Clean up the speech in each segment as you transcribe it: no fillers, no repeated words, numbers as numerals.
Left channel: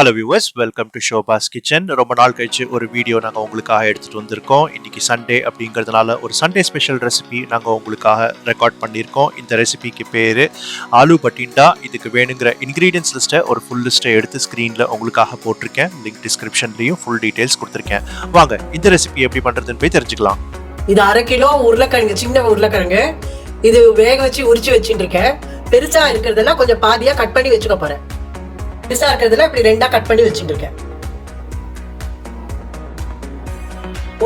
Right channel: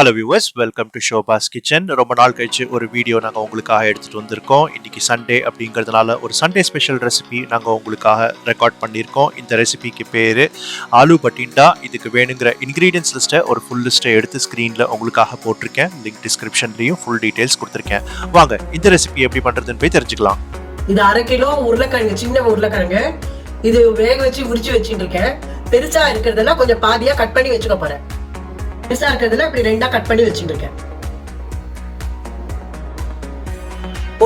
Hello viewers, welcome to ஷோபாஸ் kitchen. ரொம்ப நாள் கழிச்சு ஒரு வீடியோ நாங்கள் உங்களுக்காக எடுத்துகிட்டு வந்திருக்கோம். இன்றைக்கி சண்டே அப்படிங்கிறதுனால ஒரு சண்டே ஸ்பெஷல் ரெசிபி நாங்கள் உங்களுக்காக ரெக்கார்ட் பண்ணியிருக்கோம். இந்த ரெசிபிக்கு பேர் ஆலு பட்டிண்டா. இதுக்கு வேணுங்கிற இன்க்ரீடியன்ஸ் லிஸ்ட்டை ஒரு ஃபுல் லிஸ்ட்டை எடுத்து ஸ்க்ரீனில் உங்களுக்காக போட்டிருக்கேன். லிங்க் டிஸ்கிரிப்ஷன்லேயும் ஃபுல் டீட்டெயில்ஸ் கொடுத்துருக்கேன். வாங்க இந்த ரெசிபி எப்படி பண்ணுறதுன்னு போய் தெரிஞ்சுக்கலாம். இது 1/2 கிலோ உருளைக்கிழங்கு, சின்ன உருளைக்கிழங்கு. இது வேக வச்சு உரிச்சு வச்சுட்டு இருக்கேன். பெருசா இருக்கிறதெல்லாம் கொஞ்சம் பாதியா கட் பண்ணி வச்சுக்க போறேன். பெருசா இருக்கிறதுல இப்படி 2ஆ கட் பண்ணி வச்சுட்டு இருக்கேன்.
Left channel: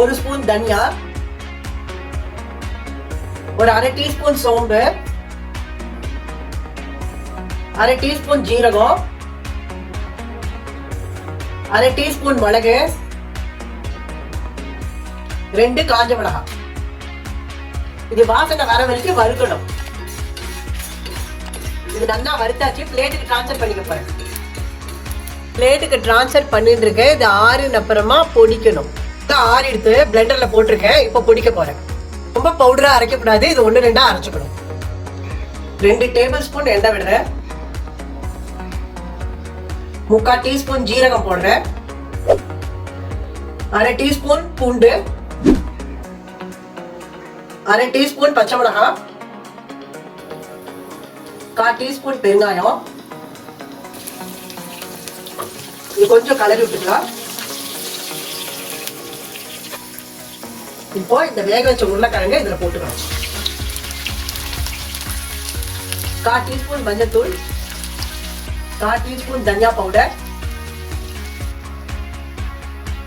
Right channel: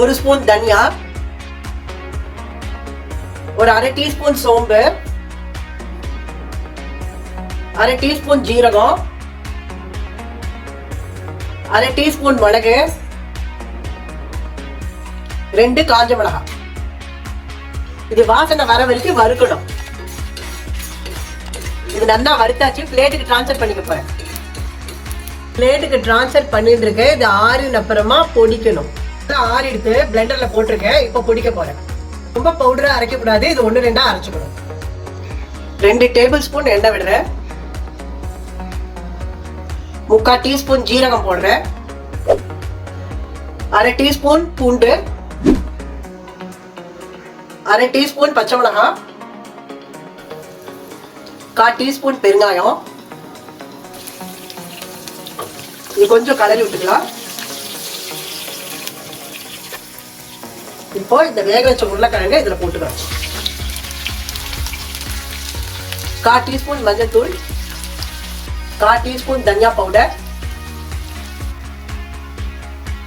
1 ஸ்பூன் தனியா, ஒரு 1/2 டீஸ்பூன் சோம்பு, 1/2 டீஸ்பூன் ஜீரகம், 1/2 டீஸ்பூன் மிளகு, 2 காஞ்ச மிளகாய். இது வாசனை வர வரைக்கும் வறுக்கணும். இது நல்லா வறுத்தாச்சு. பிளேட்டுக்கு ட்ரான்ஸ்ஃபர் பண்ணிக்க போறேன். பிளேட்டுக்கு ட்ரான்ஸ்ஃபர் பண்ணிட்டு இருக்கேன். இது ஆறின அப்புறமா பொடிக்கணும். ஆறி எடுத்து பிளெண்டர்ல போட்டிருக்கேன். இப்போ பொடிக்க போறேன். ரொம்ப பவுடரா அரைக்கக்கூடாது. இது 1-2 அரைச்சுக்கணும். 2 டேபிள் ஸ்பூன் எண்ணெய் விடுறேன். 3/4 டீஸ்பூன் ஜீரகம் போடுறேன். 1/2 டீஸ்பூன் பூண்டு, 1/2 டீஸ்பூன் பச்சை மிளகாய், 1/4 டீஸ்பூன் பெருங்காயம். இது கொஞ்சம் கலரி விட்டுக்கலாம். இப்போ இந்த வேக வச்ச உருளைக்கிழங்கு இதுல போட்டுக்கலாம். 1/4 டீஸ்பூன் மஞ்சள்தூள், 1/4 டீஸ்பூன் தனியா powder,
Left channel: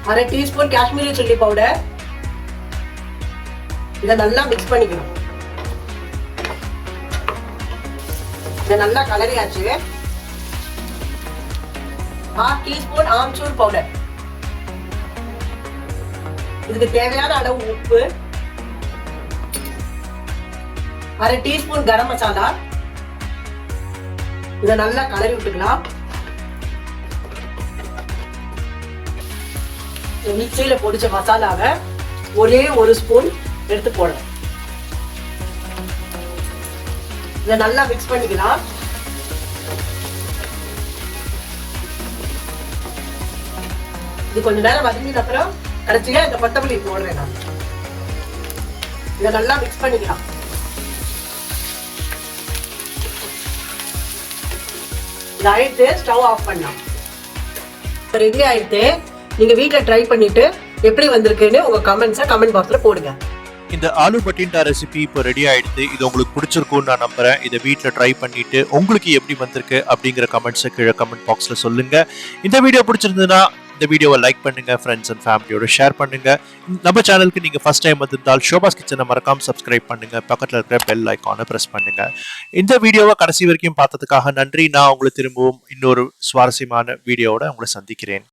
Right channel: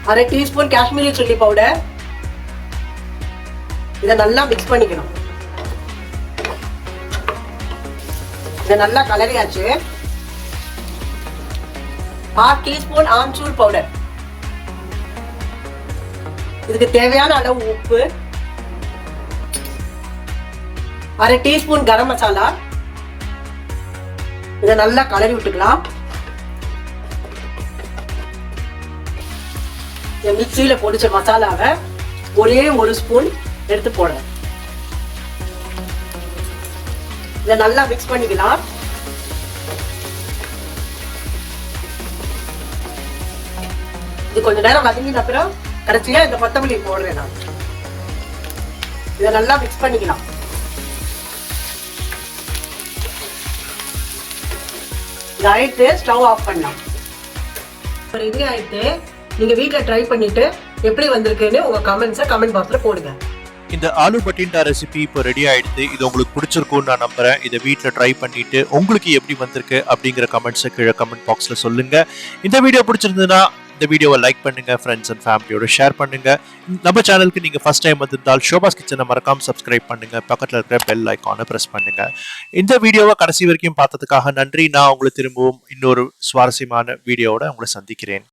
1/2 teaspoon Kashmiri chilli powder. இதை நல்லா மிக்ஸ் பண்ணிக்கணும். இதை நல்லா கலரியாச்சு. 1/2 டீஸ்பூன் ஆம்ச்சூர் பவுடர். இதுக்கு தேவையான அளவு உப்பு, 1/2 டீஸ்பூன் கரம் மசாலா. இதை நல்லா கலரி விட்டுக்கலாம். மிக்சியில பொடிச்ச மசாலாவை ஒரே 1 ஸ்பூன் எடுத்து போடுறேன். இதை நல்லா மிக்ஸ் பண்ணிக்கலாம். இது கொஞ்ச நேரம் வதங்கின அப்புறம் கடைசியா இந்த கொத்தமல்லி போடுறேன் நான். இதை நல்லா மிக்ஸ் பண்ணிக்கலாம். இது ஆயிடுத்து. ஸ்டவ் ஆஃப் பண்ணலாம். ரெடி ஆயிடுத்து. நீங்க வீட்டுல ட்ரை பண்ணிட்டு எப்படி வந்திருக்குன்னு உங்க கமெண்ட்ஸை கமெண்ட் பாக்ஸ்ல போடுங்க. இந்த ஆலு பட்டிண்டா ரெசிபி இப்போ ரெடி ஆயிடுது. இது உங்களுக்கு பிடிச்சிருக்கும்னு நான் நம்புறேன். இதை வீட்டில் ட்ரை பண்ணிட்டு உங்களுக்கு எப்படி வந்திருக்கு அப்படிங்கிற கமெண்ட்ஸை கீழே கமெண்ட் பாக்ஸில் சொல்லுங்க. இந்த வீடியோ பிடிச்சிருந்ததுன்னா இந்த வீடியோவை லைக் பண்ணுங்க, ஃப்ரெண்ட்ஸ் அண்ட் ஃபேமிலியோட ஷேர் பண்ணுங்க. நம்ம சேனலுக்கு நீங்க ஃபர்ஸ்ட் டைம் வந்திருந்தால் ஷோபாஸ் கிச்சனை மறக்காம சப்ஸ்கிரைப் பண்ணுங்க. பக்கத்தில் இருக்கிற பெல் ஐக்கானை பிரஸ் பண்ணுங்க. இந்த வீடியோவை கடைசி வரைக்கும் பார்த்ததுக்காக நன்றி. நான் உங்களை திரும்பவும் இன்னொரு சுவாரஸ்யமான வீடியோவோட உங்களை சந்திக்கிறேன்.